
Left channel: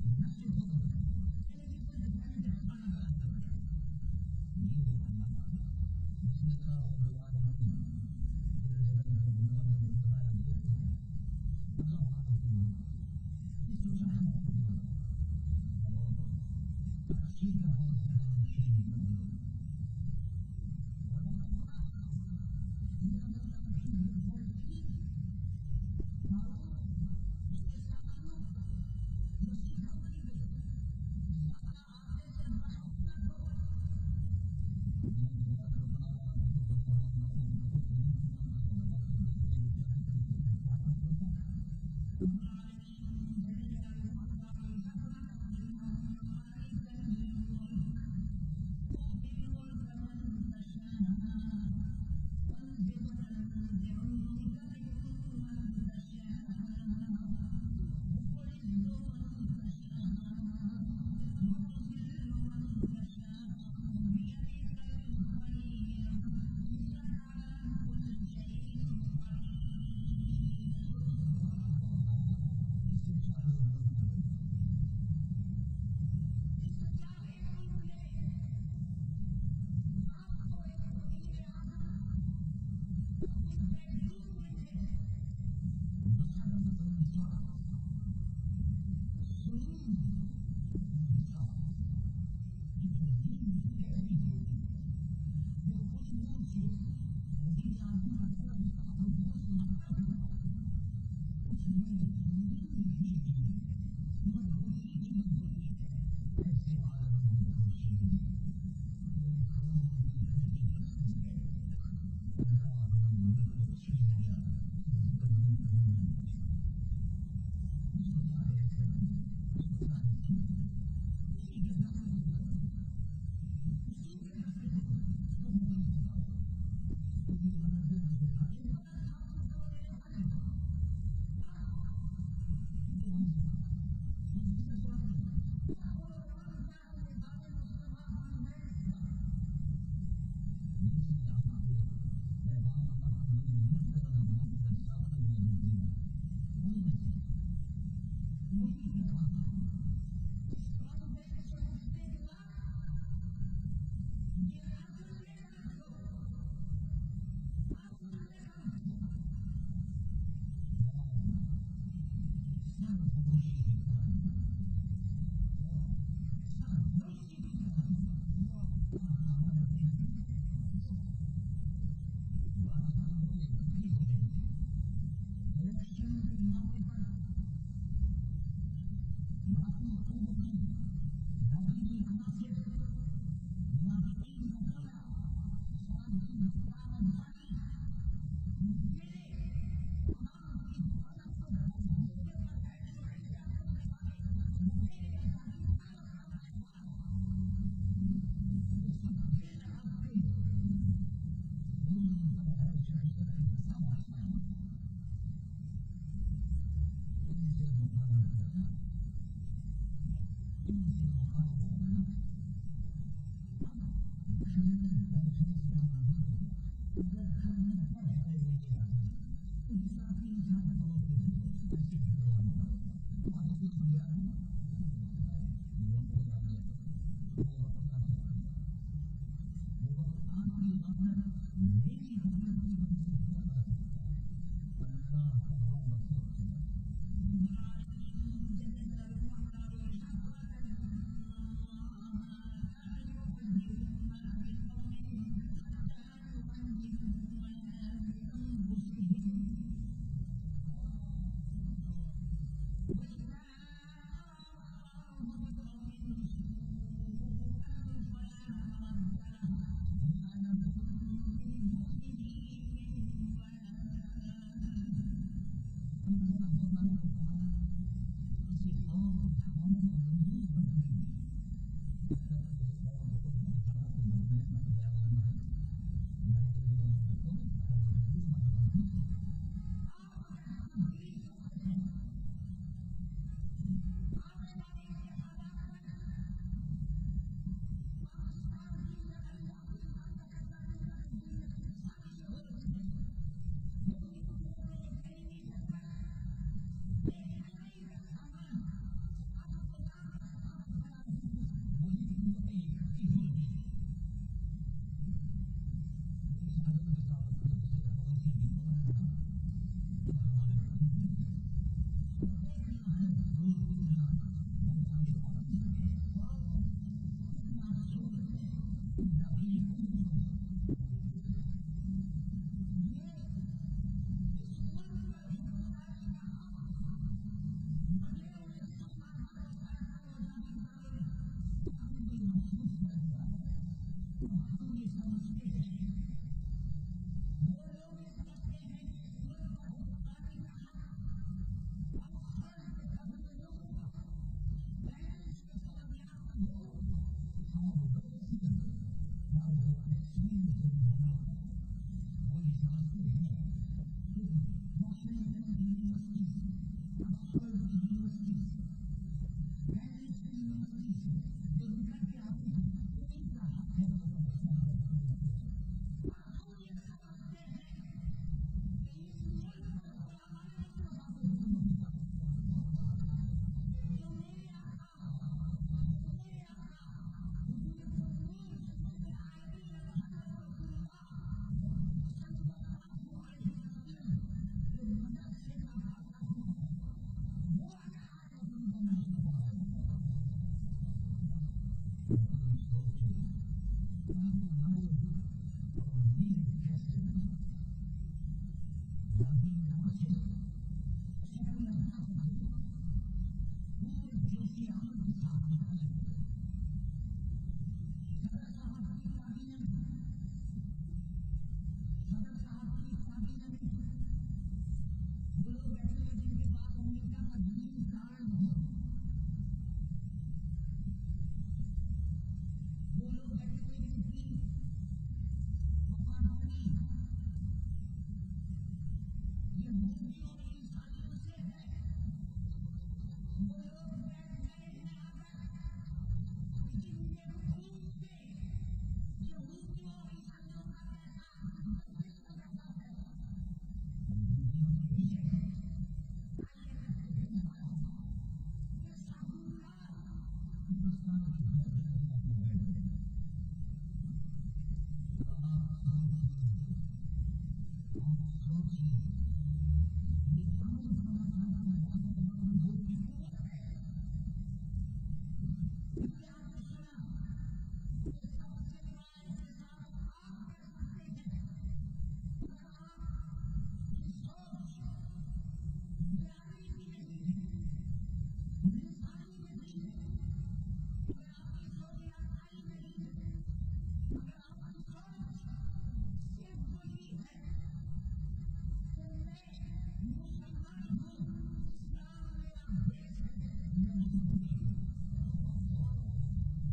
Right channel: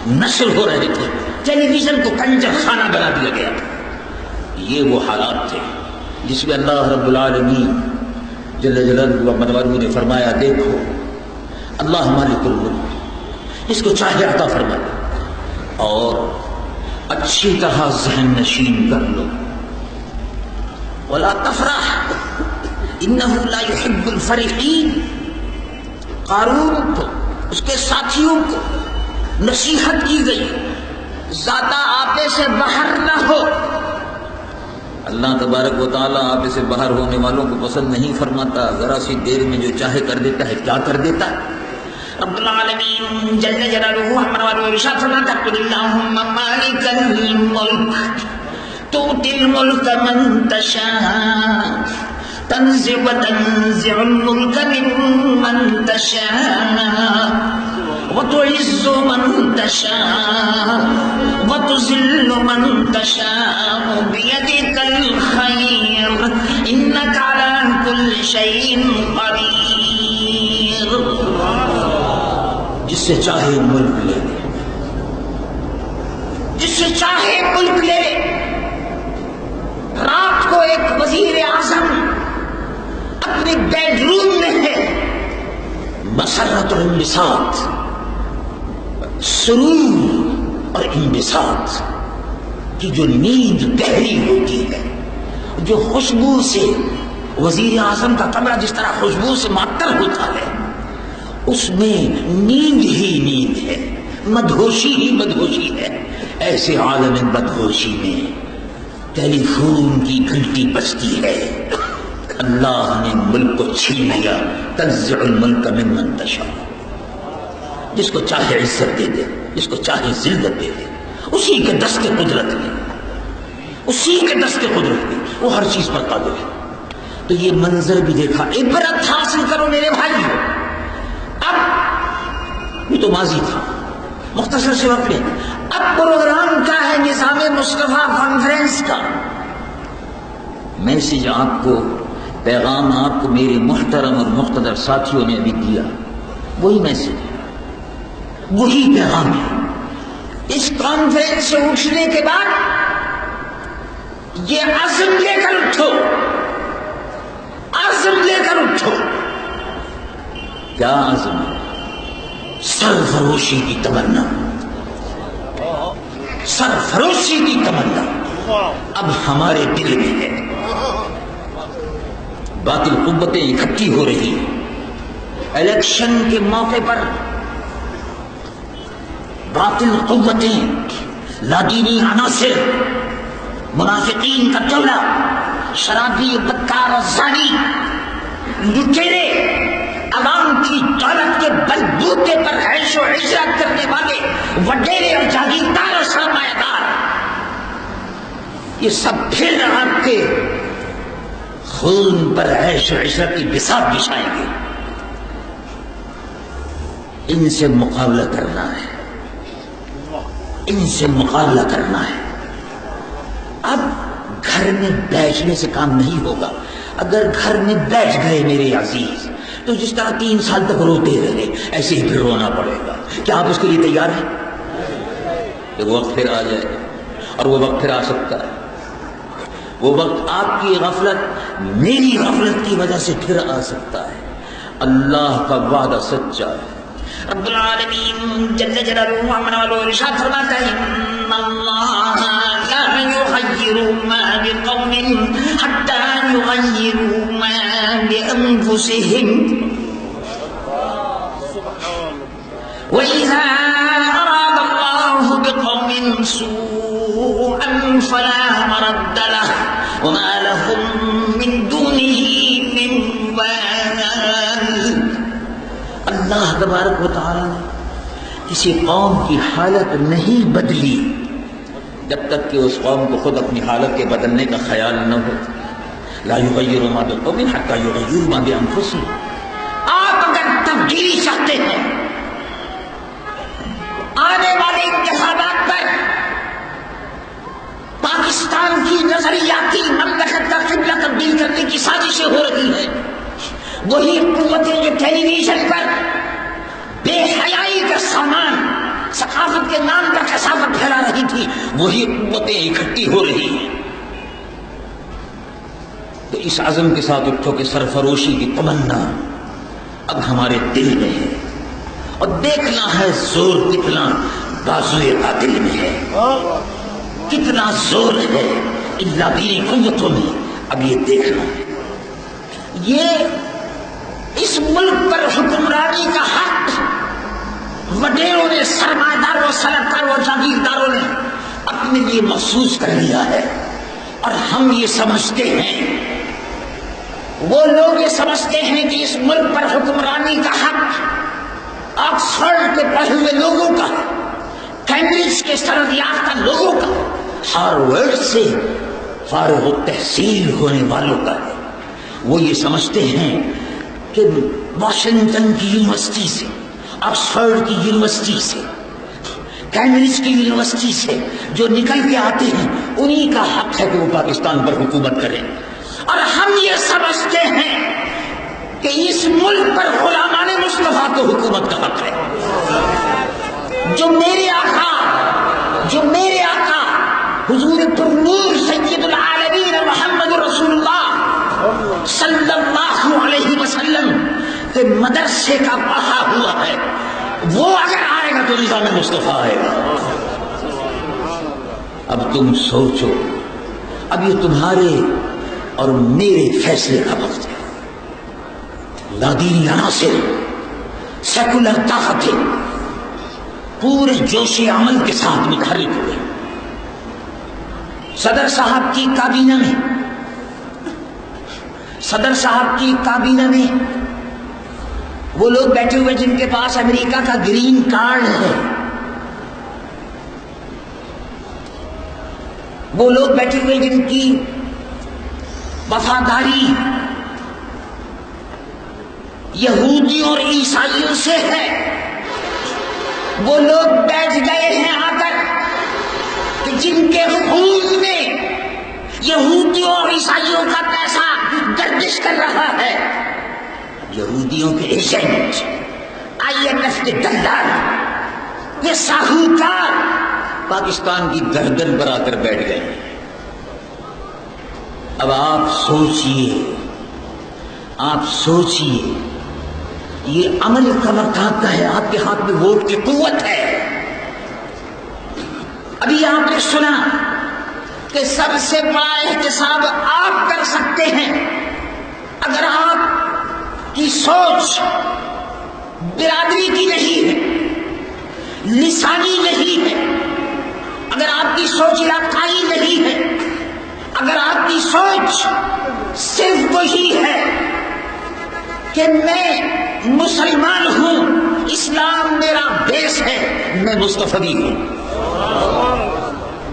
نشر ہو رہے تھے، ٹیلی ویژن کو کنجر خانہ بنا دیا گیا تھا۔ یہ وہ حالات تھے جس میں اللہ رب العالمین جل جلالہ و منوالہ نے فرمایا دیکھو اللہ مالک الملک، اس کو چاہے عطا فرمائے اور اچھی طرح ذہن نشین کر لو، ولا تفرح انہ لا يحب الفرحین۔ قارون کو اس کے ساتھیوں کو نصیحت کی گئی زیادہ آپے سے باہر نہ ہو، اللہ تبارک و تعالیٰ آپے سے باہر ہونے والوں کو پسند نہیں فرماتا، ذرا سی دیر میں جو چاہے کر دیتا ہے، کیا کر دیتا ہے۔ رب العالمین جل جلالہ ہمارے والوں ارشاد فرماتا ہے قل اللہم مالک الملک تؤتی الملک من تشاء تنزع الملک ممن تشاء وتعز من تشاء وتذل من تشاء بيدك الخير انك على كل شيء قدير۔ جس سے چاہے ملک لے لے، جس سے چاہے ملک لے لے۔ رات کو ایک وزیر اعظم اپنے بیڈ روم میں ہے، مسرت اور انبساط، سرور اور انبساط کی جو نیند گہری ہوتی ہے، جو خوشبو سے وزیر اعظم کا کمرہ جس طرح خوشبو سے معطر ہوتا ہے، اس میں نیند ہی نیند ہے، مدہوشی ہی مدہوشی ہے۔ ایسے عالم مدہوشی میں ٹیلی فون کی گھنٹی بجتی ہے، اللہ نے ملک کو چھین لیا، تنزع الملک ممن تشاء، جس کو چاہے عزت دے دے، جس کو چاہے ذلت دے دے، اسی کے دست قدرت میں، اسی کے دست قدرت میں وہ ہر چیز پر قادر ہے۔ تو یہ منظر بھی دیکھا، عبرت حاصل کرو میرے بھائیو۔ اب یہ تو ماضی تھا، مختصر سے وقت میں اب پروگرام کیا ہے نظام مصطفیٰ کانفرنس کا۔ میسج آپ کو، پیغام آپ کو میرے محترم اور مقتدر ساتھیوں نے ابھی دیا، وہی میسج ہے، وہی پیغام ہے۔ اس کانفرنس سے اٹھنے کے بعد یہ عزم لے کر اٹھو، عزم لے کر اٹھو۔ کیا عزم ہے؟ سرفروشی کی تمنا، سرفروشی کی تمنا اب ہمارے دل میں ہے۔ باطل قوتیں اکٹھی ہو رہی ہیں، الیکشن کے موقع پر باطل قوتیں، لادینی عناصر، منافقین کا ٹولہ، شرابی، بدکار اور زانی، لٹیرے، عوام کی دولت کے بلبوتے پر عیش و عشرت کرنے والے وڈیرے اور جاگیردار اور سرمایہ دار، یہ سب پھر آپ کے خون پر عیش و عشرت کی بساط بچھائیں گے۔ ان سے مقابلہ کرنا ہے، ان سے مقابلہ کرنا ہے۔ اب گھر میں بیٹھنے سے کام نہیں ہوگا۔ اگر گھر میں بیٹھ گئے میرے عزیز تو جس طرح 3 سال تک روتے رہے ایسے ہی پھر رونا پڑے گا۔ کیا آپ اس کے لیے تیار ہیں؟ کہ وہ وقت پھر آ جائے، اور وہ وقت پھر آ سکتا ہے۔ وہ وقت آپ کی غفلت، میری غفلت کی وجہ سے پھر آ سکتا ہے۔ اللہ کا وعدہ سچا ہے۔ رب العالمین جل جلالہ عملہ ارشاد فرماتا ہے ان اللہ لا یغیر ما بقوم حتی یغیروا ما بانفسهم وَإِذَا أَرَادَ اللَّهُ بِقَوْمٍ سُوءًا فَلَا مَرَدَّ لَهُ وَمَا لَهُم مِّن دُونِهِ مِن وَالٍ۔ اللہ تبارک و تعالی نے کسی قوم کی حالت نہیں بدلی جب تک کہ اس قوم کو خود اپنی حالت کے بدلنے کا خیال نہ ہو۔ لا یغیر ما بقوم حتی یغیروا ما بانفسهم۔ آپ اگر تبدیلی چاہتے ہیں، آنے انتخابات پر پاکستان کی نظریاتی مملکت کا قبلہ تبدیل کرنے کی سازشیں ہو رہی ہیں، وہی قوتیں جو ٹیلی ویژن پر بے حیائی کا سامان ثقافت کے نام پر کثافت پھیلا رہی تھی، وہی قوتیں اکٹھی ہو رہی ہیں۔ تو اس عزم کے ساتھ اٹھو کہ سرفروشی کی تمنا اب ہمارے دل میں ہے، اور دیکھنا ہے زور کتنا بازوئے قاتل میں ہے، کتنا زور ہے ان لابینی قوتوں میں، اب یہ دیکھنا ہے۔ یہ اس ملک پر حکمرانی کا حق وڈیروں نے، سرمایہ داروں، صنعتکاروں، جاگیرداروں نے اپنے لیے محسوس کر لیا ہے، اور ہم یہ سمجھتے ہیں، وہ لوگ یہ سمجھتے ہیں کہ اس ملک پر حکمرانی کا حق آکسفورڈ کے پڑھے ہوئے لوگوں کا، کیمبرج کے سند یافتہ لوگوں کا، ہارورڈ سے فارغ التحصیل ہونے والوں کا ہے۔ وہ یہ سمجھتے ہیں کہ واشنگٹن کی یونیورسٹی سے، آکسفورڈ کی یونیورسٹی سے، کیمبرج کی یونیورسٹی سے جو نکل کے آتے ہیں، انہی کا حق ہے کہ وہ پاکستان پر حکومت کریں، اور ہم یہ سمجھتے ہیں کہ اس ملک پر غلامان مصطفیٰ کو حکومت کا حق ہے۔ جو میرے آقا حضور پرنور سید العالمین محمد رسول اللہ صلی اللہ علیہ وسلم کے مدرسے کا پڑھا ہوا ہے، وہ اگر آئے گا تو نظام مصطفیٰ آئے گا۔ اب تم سوچو، اب یہ تمہارے اور میرے فیصلے کا وقت ہے۔ لادینی عناصر، سیکولر طاقتیں پورے جوش عمل کے ساتھ متحرک ہوئے۔ صدر صاحب کی کابینہ میں وہ لوگ بیٹھے ہوئے جن کے پاس امریکہ کا گرین کارڈ ہے، وہ لوگ بیٹھے ہوئے جن کی وفاداری یہودیوں اور عیسائیوں سے ہے، وہ لوگ بیٹھ گئے ہیں آ کر کہ جن کے خون میں یہودیوں اور عیسائیوں کا پیسہ گردش کر رہا ہے، یہودیوں کے ایجنٹ، IMF کے دلال، یہ ساہوکار پاکستان کی گردن پر آ کر بیٹھ گئے ہیں۔ اب آپ سوچئے، یہ عمل کا وقت آپ کا ہے، آپ کے ہاتھ میں ووٹ کی قوت ہے۔ ابھی آپ نے سنا کہ سب سے بڑا احتساب آپ کر سکتے ہیں اگر آپ کی سوچ برادری کی نہیں ہے، لسانی نہیں ہے، اگر آپ کی سوچ علاقائی نہیں ہے، اگر آپ کی سوچ صرف وہی ہے کہ میں مسلمان ہوں، اسلام میرا بیس ہے، میں مصطفی ہوں،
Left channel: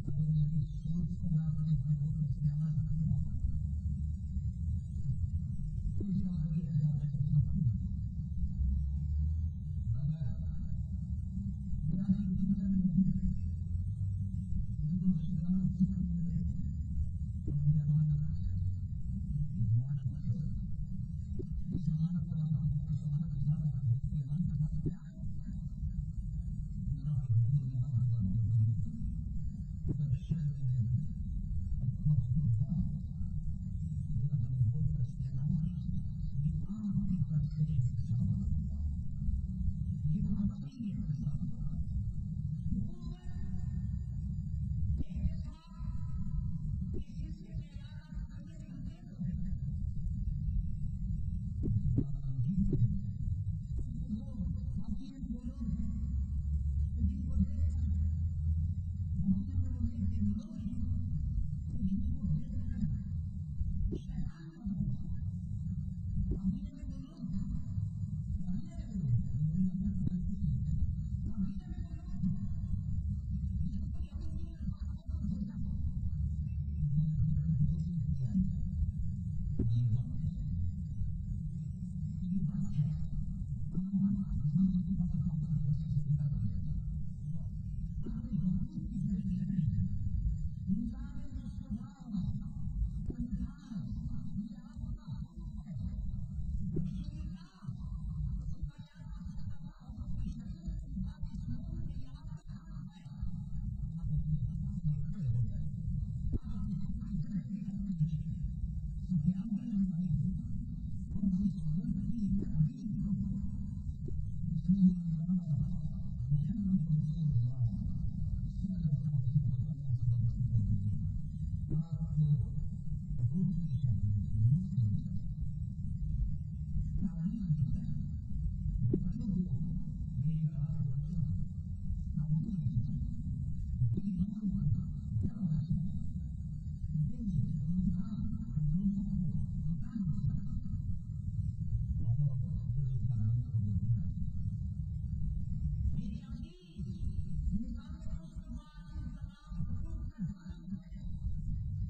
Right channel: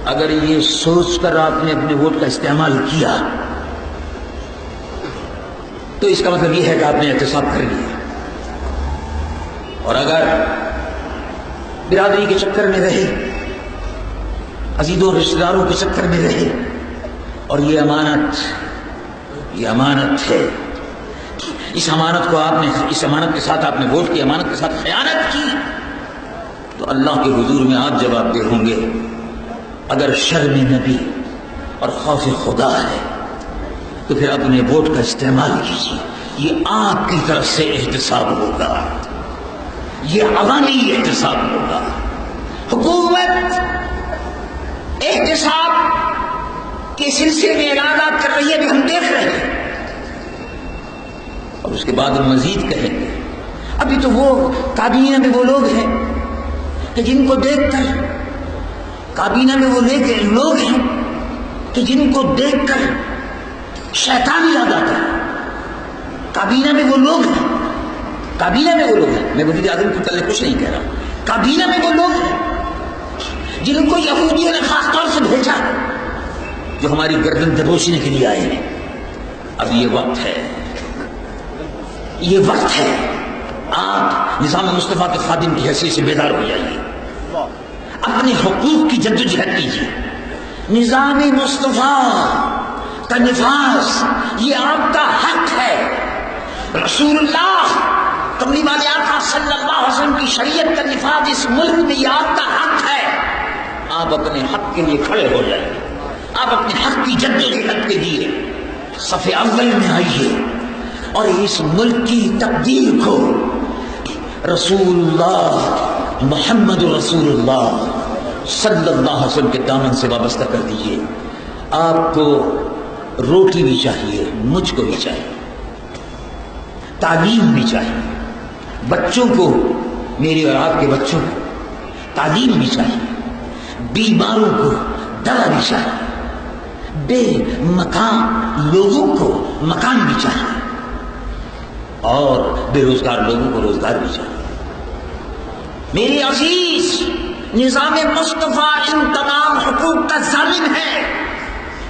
اگر یہ سوچ کر آپ نے اپنے ووٹ کا استعمال کیا تو اس کا مطلب یہ ہے کہ آپ نے احتساب کر لیا۔ اور اگر برادری کے چکر میں رہے، عزیزوں رشتہ داروں کے چکر میں رہے، اور یہ امانت ہے، اس امانت کے ساتھ آپ نے ووٹ کی امانت کے ساتھ خیانت کی، تو اللہ کے حضور میں آپ جواب دہ ہوں گے۔ اگر شرم نبی اور خوف خدا ہے تو پھر اپنے ووٹ کا استعمال کیجیے، یہ آپ کی طرف سے احتساب ہوگا، یہ عوامی احتساب ہوگا۔ حکومت احتساب کے سلسلے میں اعلانات کر رہی ہے، بھی ہم دیکھ رہے ہیں، اور اس کے بعد ہم مزید کہیں گے۔ ابھی تو وہ کابینہ میں وہ لوگ ہیں کہ جن کو دیکھ کر کابینہ میں وہ لوگ ہیں کہ جن کو دیکھ کر شیطان یاد آتا ہے۔ کابینہ میں وہ لوگ ہیں میں وزیر اعظم کے متعلق کچھ نہیں کہہ رہا، کابینہ میں وہ لوگ ہیں جن کو یہودیوں نے خاص طور سے بھیجا، جو ہماری گردن دبوچنے کے لیے آئے ہیں۔ اب یہ وقت ہے آپ نظام مصطفیٰ کے خادم کی حیثیت سے بیدار ہو جائیے۔ اپنے حقوق کی جدوجہد کیجیے. نظام مصطفیٰ کا نفاذ یہ آپ کا حق ہے. رسول اللہ کملی والے آقا صلی اللہ علیہ وسلم کی شریعت کا نفاذ اس ملک میں یہ آپ کا حق ہے. آپ اپنے حق کے لیے کھڑے ہو جائیں. آپ اپنے حق کی جدوجہد کے لیے صف اول میں آئیے اور اس ملک کی تقدیر کو رسول اللہ محمد رسول اللہ صلی اللہ علیہ وسلم کے دامن سے وابستہ کر دیجیے. آپ کو روٹی بھی چاہیے, مجھ کو بھی چاہیے, تعلیم بھی چاہیے, بچوں کو, میرے اور آپ کے بچوں کو تعلیم بھی چاہیے, بیماروں کو دوا بھی چاہیے, بے مکان لوگوں کو مکان بھی چاہیے, اور بے روزگار لوگوں کو روزگار بھی چاہیے. میری عزیز, نظام مصطفیٰ ان تمام حقوق کا ضامن ہے.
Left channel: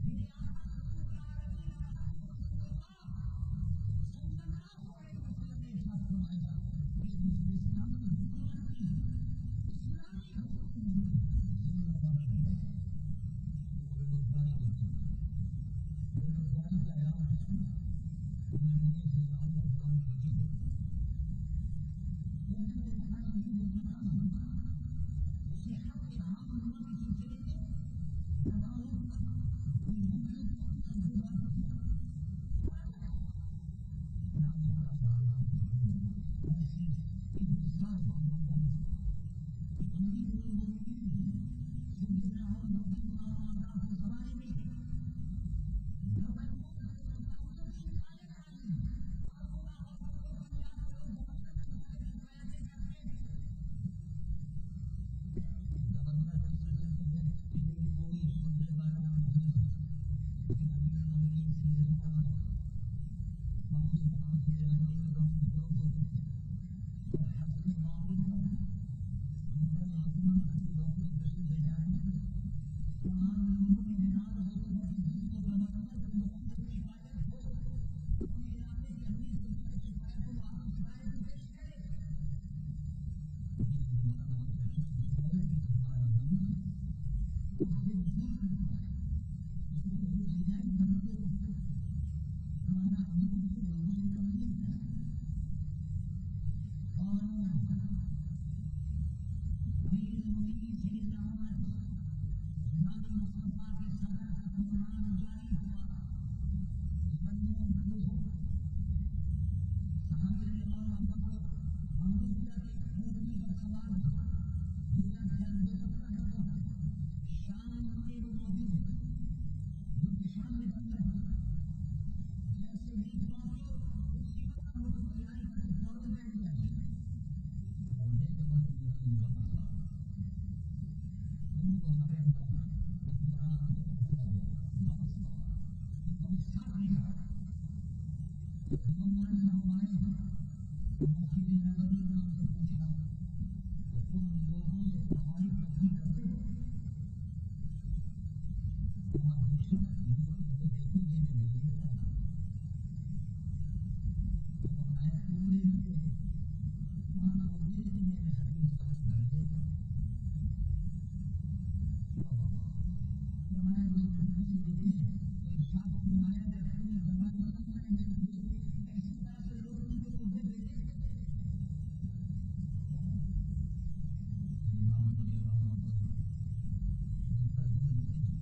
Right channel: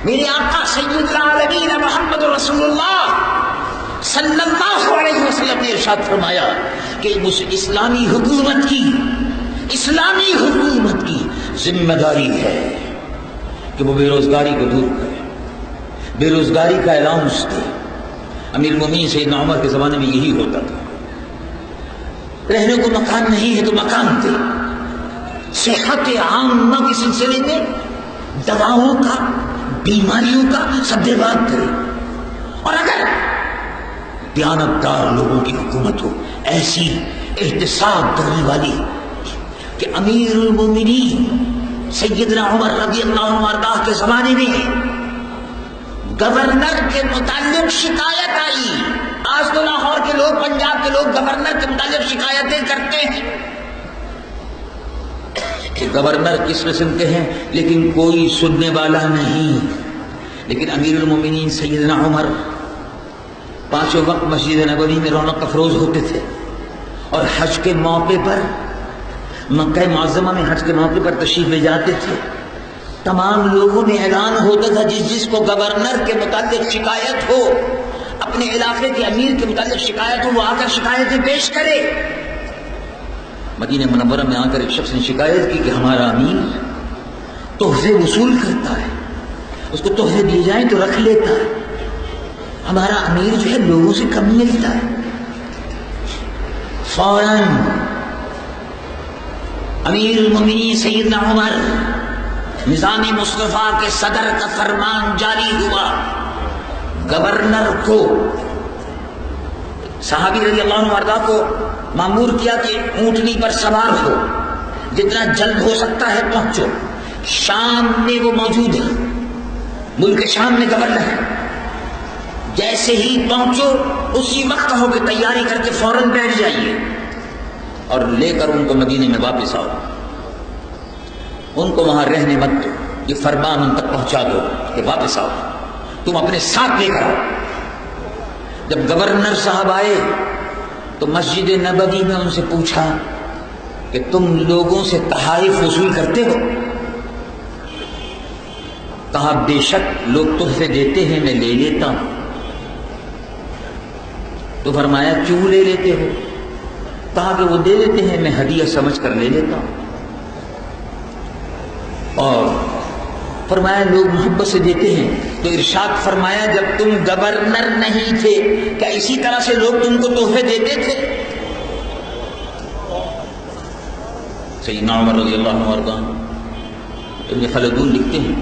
میرے آقا سید العالمین محمد رسول اللہ صلی اللہ علیہ وسلم نے ارشاد فرمایا کہ اس اسلامی حکومت کی ذمہ داری ہے کہ وہ بے روزگاری کو دور کرے, بے روزگاری کا اعلان اس دے. امیر المومنین سیدنا عمر کے زمانے میں یہی ہوتا تھا. رہنے کو مکان نہیں ہے تو مکان دے. صحت عامہ کے سلسلے میں دواؤں کا, بیماریوں کا سدباد کرے. اور اگر دیانتدار لوگوں کی حکومت ہو, ایسی احتساب کرنے والی کہ امیر المومنین سیدنا عمر رضی اللہ عنہ وارضاہ کے زمانے میں گورنر کے متعلق شکایت آئی. آج تو لاہور کے لوگ, پنجاب کے لوگ گورنر کے متعلق شکایتیں کرتے ہیں کہ گورنر کس قسم کے ہیں, لیکن کوئی سننے والا نہیں. لیکن امیر المومنین سیدنا عمر پانچوں وقت مسجد نبوی میں رونق افروز ہوتے تھے, اور حج کے موقع پر, مکہ معظمہ میں حج کے موقع پر تشریف لے جاتے تھے. تمام لوگوں میں اعلان ہوتا تھا جس کو گورنر کے متعلق شکایت ہو, اپنے علاقے کے امیر کے متعلق شکایت ہو, وہ آ کر شکایتیں پیش کرے. مدینہ منورہ میں آ کر ایک شخص نے شکایت کی کہ ہمارا امیر تحفے وصول کرتا ہے, اس کو تحفے دیے جائیں تو رکھ لیتا ہے, ہمارا امیر جو ہے لوگوں سے کم ملتا ہے. فوراً امیر المومنین سیدنا عمر, نظام مصطفیٰ کے صدر کا فرمان جاری ہوا. گورنر کو, صحابی رضی اللہ عنہ وارضا کو مامور کیا کہ اونٹنی پر سوار ہو, جتنا جلد ہو سکتا ہے پہنچو. شام میں وہ موجود ہے, ملک شام میں گورنر ہے. جیسے ہی پہنچو اسی وقت ہو کہ تیاری کر کے فوراً بیٹھ جائیے اور لے کر ان کو مدینے میں واپس آؤ. ان کو وہاں رہنے مت دو, یہ فرمان ان تک پہنچا دو کہ واپس آؤ, تم اپنے ساتھ لے کر آؤ. جب گورنر صاحب آئے تو مسجد نبوی میں ان سے پوچھا کہ تم لوگوں سے تحائف وصول کرتے ہو؟ کہا بے شک لوگ تحفے دیتے ہیں, میں لے لیتا ہوں. تو فرمایا کیوں لے لیتے ہو؟ کہا کہ وہ دے دیتے ہیں, میں ہدیہ سمجھ کر لے لیتا ہوں. اور فرمایا لوگ محبت سے دیتے ہیں. تو ارشاد فرمایا جب تم گورنر نہیں تھے کیا اسی طرح سے لوگ تم کو تحفے دیتے تھے؟ سیدنا عمر رضی اللہ عنہ وارضا ابن خلدون لکھتے ہیں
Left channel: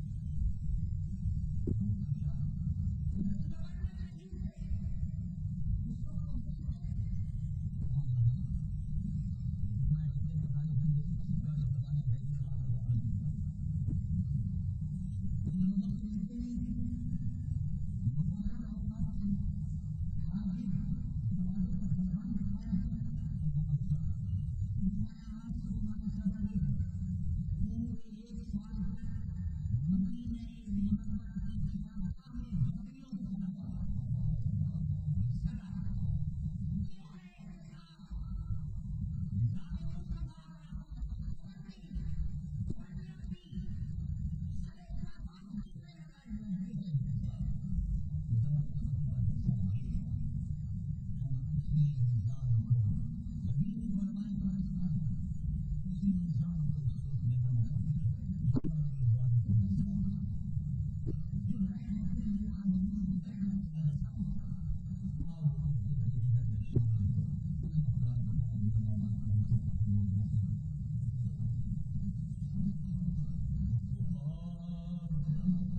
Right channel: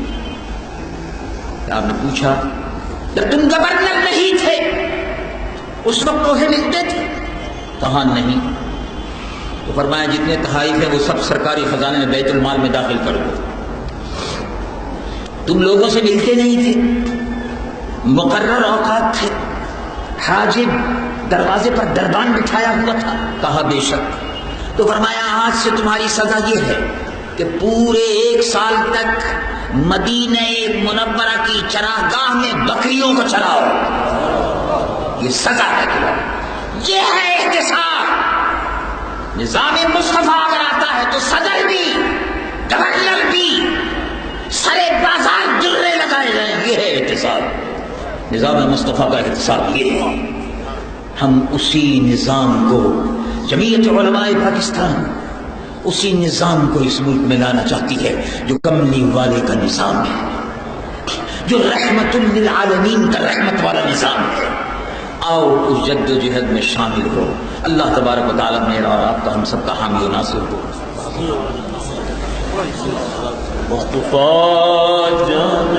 کہ آپ نے پوچھا جب تم گورنر نہیں تھے اس وقت تحفے ملتے تھے؟ کہا نہیں. تو فرمایا جتنے تحائف ہیں وہ سب سرکاری خزانے میں بیت المال میں داخل کر دو. تم لوگوں سے ملتے نہیں تھے, مقرر اوقات تھے, حاجب دروازے پر دربان بٹھایا ہوا تھا. کہا بے شک. تو فرمایا آج سے تمہاری سزا یہ ہے کہ پورے 1 سال تک مدینہ منورہ کی چراگاہ میں بکریوں کو چراؤ. یہ سزا ہے تمہاری, یہ ہے احتساب. نظام مصطفیٰ اگر آتا ہے تو صدر بھی, گورنر بھی سرے بازار جرے لگائے جائیں. یہ ہے احتساب. نظام مصطفیٰ کا احتساب یہ ہے. ہم اسی نظام کو جمعیت علماء پاکستان اسی نظام کو اس ملک میں لانا چاہتی ہے جو کملی والے کا نظام ہے، جو رحمت للعالمین کا رحمت والا نظام ہے۔ آؤ اس جد و جہد میں شامل ہو۔ اللہ تبارک و تعالیٰ میرا اور آپ کا ہم سب کا حامی و ناصر ہو۔ مصطفیٰ جان